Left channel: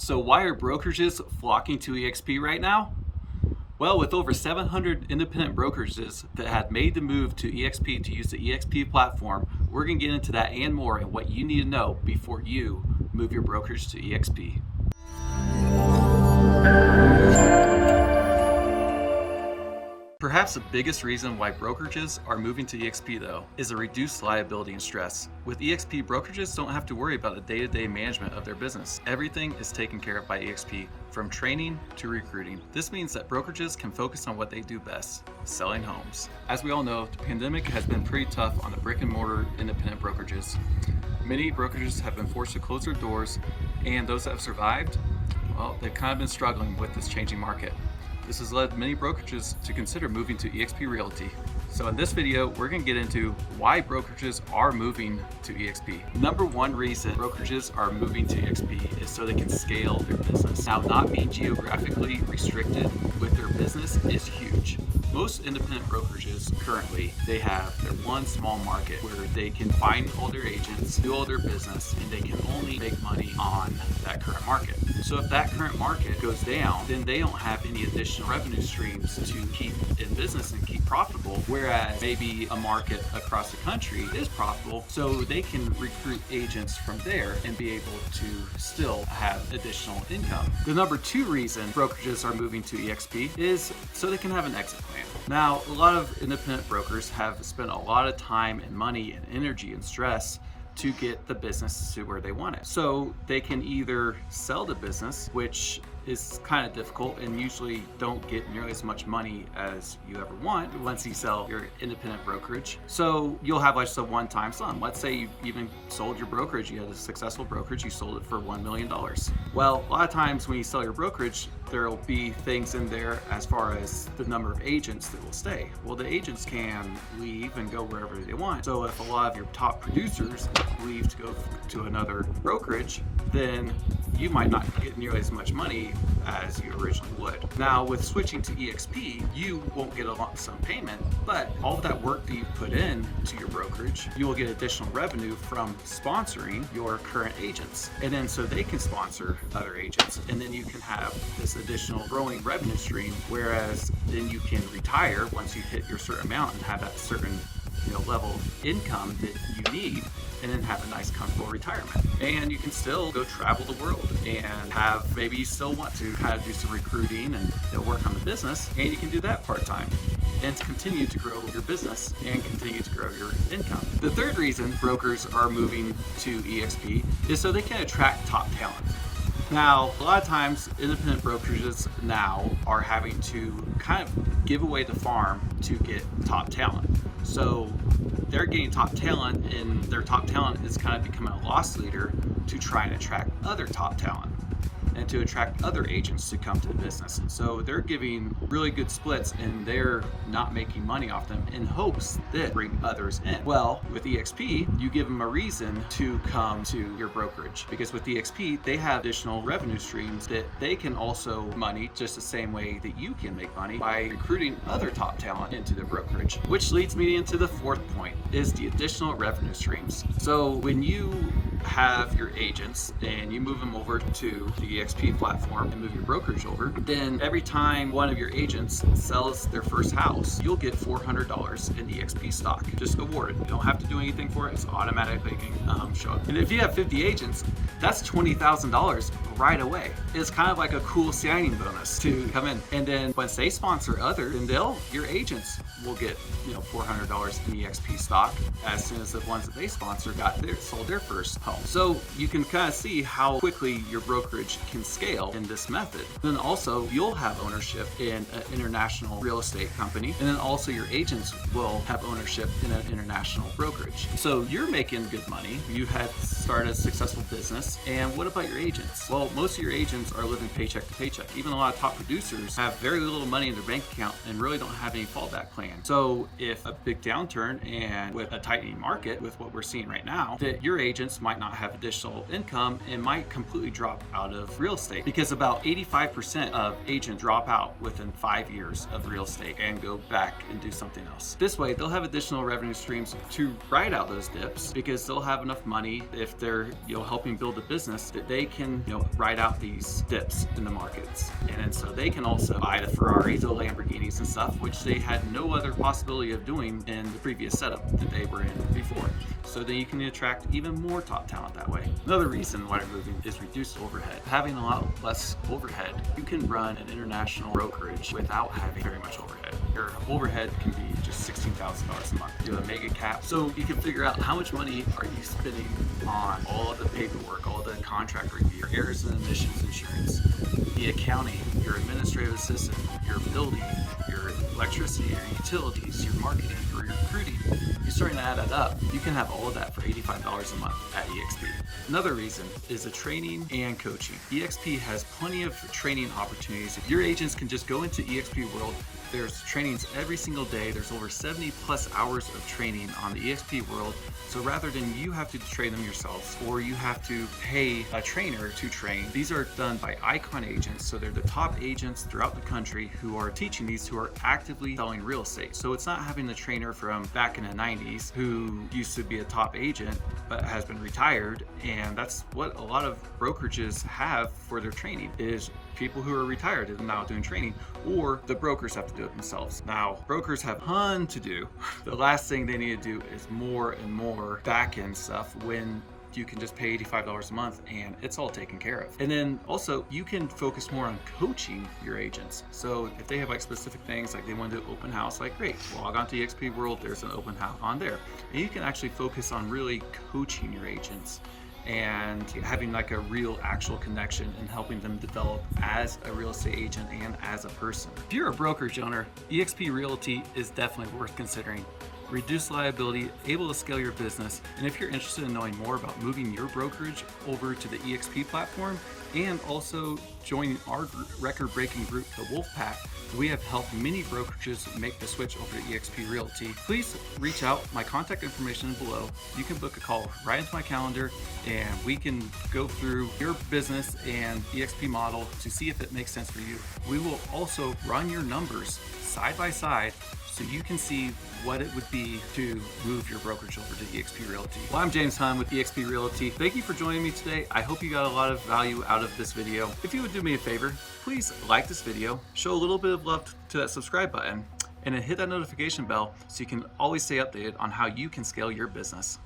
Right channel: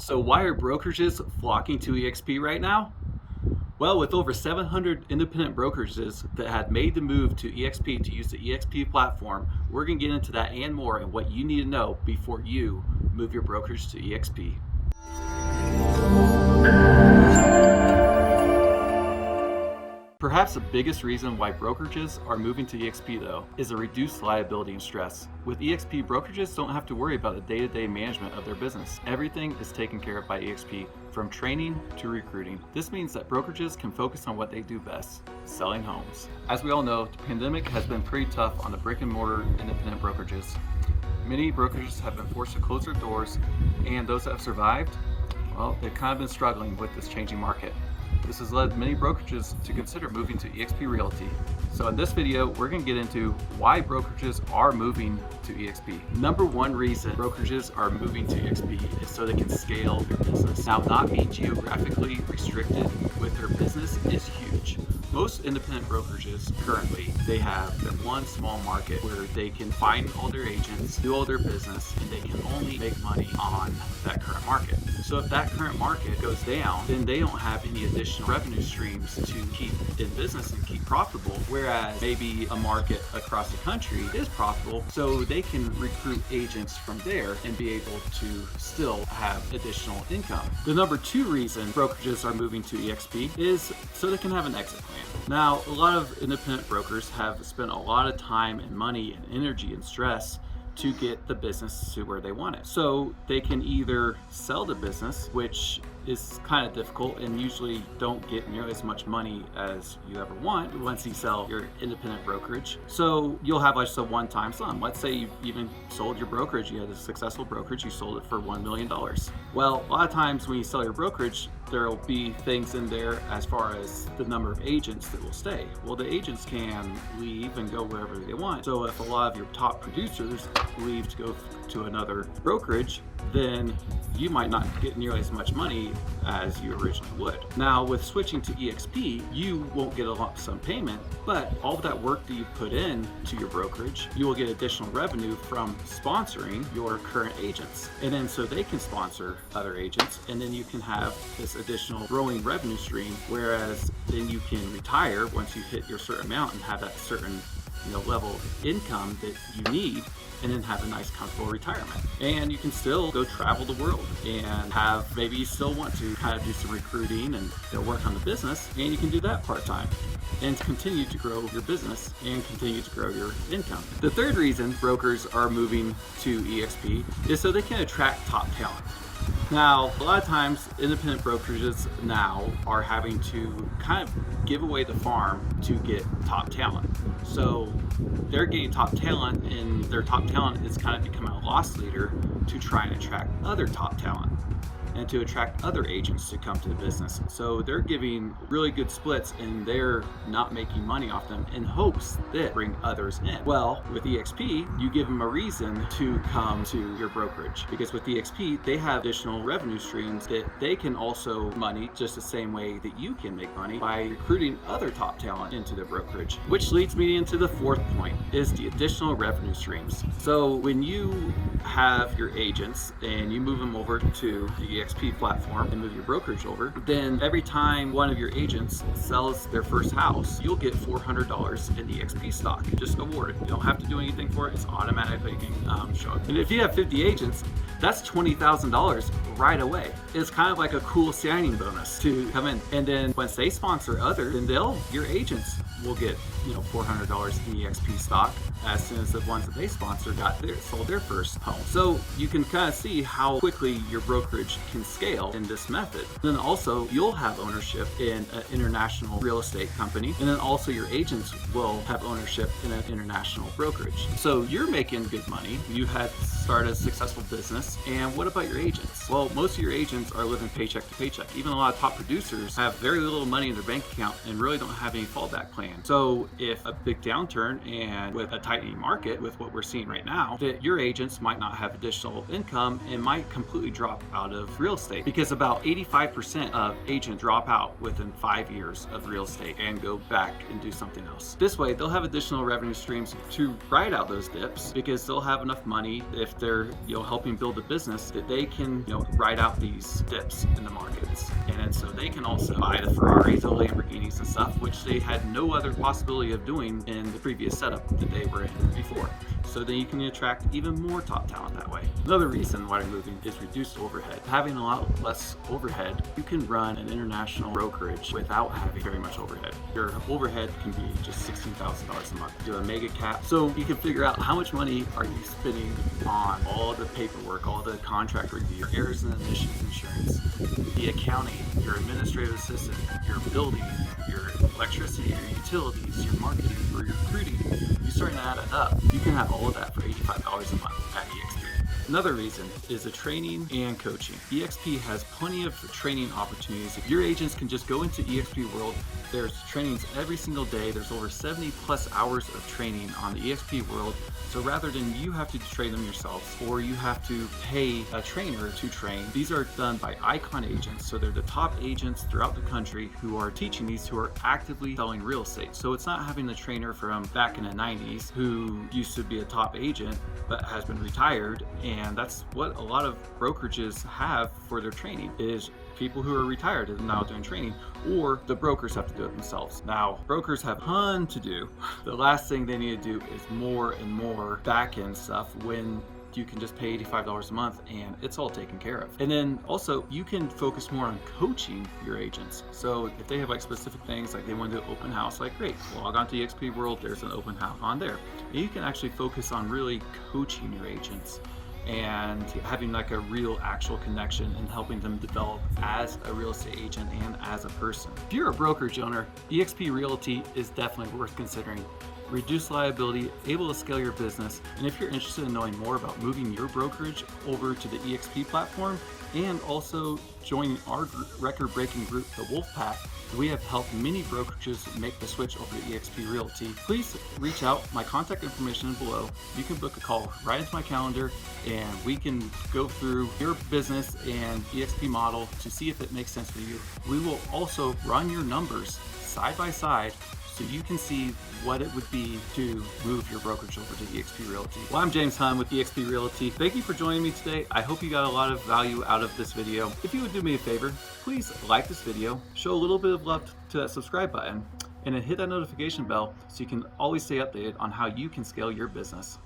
So why are brokerages flocking to EXP right now? Well, with over 700 independent brokerages that had made the move to EXP to use the EXP platform, we're going to get into that and more and what you need to know before you move your brokerage to EXP. Perhaps the biggest reason why brokerages are moving to EXP though is a reduced liability and stress. With EXP, brokerages don't have to worry about the day-to-day management of their business. Everything is taken care of by EXP, from training to recruiting. This means that brokerages can focus on what they do best, selling homes. As we all know, the pandemic has been pretty tough on the brick and mortar independent brokerages. Many brokerages have been forced to close their doors, and those that have survived, well, they've kind of been struggling with this changing market. This has led many brokerages to consider moving to EXP Realty. So in this video, we're going to get into why brokerages are moving to EXP. Number one reason brokerages are moving to EXP is so they can scale their business. Now, not being geographically restricted with their business is huge. Most independent brokerages currently, they have their one small market where they can find all their agents, do all their business, and they can only make money on that current market. So if that current market goes down, then they don't have any additional revenue streams to keep in business and keep profitable, whereas maybe a market across the country is profitable, so they can recruit agents from there and be able to still have additional income. The number two reason brokerages are moving to EXP is so they can have an exit plan. Now, a lot of independent brokers have spent a lot of time and money and energy and stress to get the business to where they want it. So they can either sell the business, which is kind of difficult and usually don't get nearly as much money as you ever want once you sell your independent brokerage. So you'll have like a one-time sum. Let's say you even sold your brokerage, you had a successful brokerage, you sold it for $1 million. Well, a lot of times when you sell your brokerage, there'll be things in there as far as the number of agents that will stay. Well, the agents can leave and go wherever they want. So if a lot of your top producers leave to go to another brokerage, then you might not get nearly as much money as you originally would. Now, with switching to EXP, you won't get a lump sum payment, but all of that work that you put in to your brokerage, you will get additional revenue from sponsoring your current agents. And then so they can sponsor other agents, and then you can have this additional growing revenue stream, whereas then you can retire once you hit your certain amount and have that certain level of income that you need, and then have a nice comfortable retirement. And you can still go travel the world and have, maybe you still want to kind of do some recruiting and work on the business, and you can do that part-time and continue to grow your business and continue to grow your income. The third reason brokers are moving to EXP is so they can attract top talent. Now, a lot of times independent brokerages now are having to kind of give away the farm to get top talent. So they're getting top talent, and their top talent is kind of becoming a loss leader to try and attract other top talent and to attract other agents to come to the business. So they're giving really good splits, and they're not making money off them in hopes that bring others in. Well, with EXP, you give them a reason to come to your brokerage, because with EXP, they have additional revenue streams that they can also money just the same way that you can make money by recruiting other top talent into their brokerage. Which leads me into the fourth point, is the additional revenue streams. So when you have your agents and you move them over to the EXP platform and move your brokerage over, then every time one of your agents sells their first house, you'll get $400 in EXP stock, just awarded. You don't have to do anything for it. It's automatically going to show up. And if you have 50 agents, that's $20,000 right away. It's kind of like a cool signing bonus to come in. And then once they sponsor others, then your agents will get $400 in EXP stock as soon as the ones that they sponsor sold their first home. So you can kind of see how quickly your brokerage can scale in this method. Then also you'll have ownership in an international real estate company, and then also your agents will have ownership in an international brokerage. So you're making good money. You had started a successful business. And what about your agents? Well, most of your agents are living paycheck to paycheck. Even a lot of top producers have very little money in their bank account and really don't have any fallback plan. So if a big downturn and with a tightening market, with what we're seeing right now, that your agents might not have additional income and might completely drop out of real real estate, because about 85% of agents drop out within 5 years of real estate and go back and do something else. This way, they'll have additional revenue streams to ride out those dips, because they'll have enough money if they're helping build a business that they can ride out these dips in the markets. And so they can also buy the Ferraris, the Lamborghinis and stuff, which they had no other possibility of doing in the previous setup that they were in before. So then you can attract even more top talent that way. Another reason why you're moving is reduced overhead. Having a lot less overhead, you can run an international brokerage without having very much overhead. Your overhead can be just $16,000 a month. Do a mega cap, so you can figure out how much money are you spending on all the paperwork, all the contract review, errors and omissions insurance, the accounting, your administrative assistant, your building, your electricity, your utilities, your marketing, or your recruiting. You're starting to add that up. You can have all of that for $85 a month at EXP. Another reason is the training and coaching. EXP has plenty of training opportunities. If your agents can just go into EXP World, there's trainings every single day. There's over 70 plus hours of training on the EXP World. So rather than you have to train them yourselves or you have to pay a trainer to train, these are done by icon agents. So they're the top agents throughout the country who are teaching these, who are actively selling real estate. So it's not having the trainer from back in the 90s who used to be a top agent but has been retired. And that's what a lot of brokerages have for their training, is people who are retired and now doing training, or the brokers have to do it themselves. Now, brokers have a ton to do. The last thing they need to do is more and more back-end stuff when you can just pay $85 a month and it's all taken care of. And then also you can focus more on coaching your agents. So if they have like specific things, like they want to do open house, like great, log on to EXP World, there's an open house on there. And you can actually focus on really coaching your agents and having like a real actual connection and helping them develop as a real estate agent and as a person. If you're a brokerage owner, EXP Realty is definitely worth considering. Reduce liability, able to scale your business, and if you're interested in knowing more about moving your brokerage over to the EXP platform and also joining our record-breaking group, the Wolfpack, we have helped many brokerages make the switch over to EXP Realty. Please reach out. My contact information is below. You can book a call right into my calendar and we can go through your business and EXP model to see if it makes sense for you. We will also run your numbers side by side so you can see what it would be to move your brokerage over to EXP Realty. Well, I'm James Hunt with EXP Realty. Thank you for joining me today. I hope you got a lot of value out of this video. If you would do me a favor, please like this video, show a little bit of love to that subscribe button, and then hit that notification bell so you can always stay updated on how you can scale your business.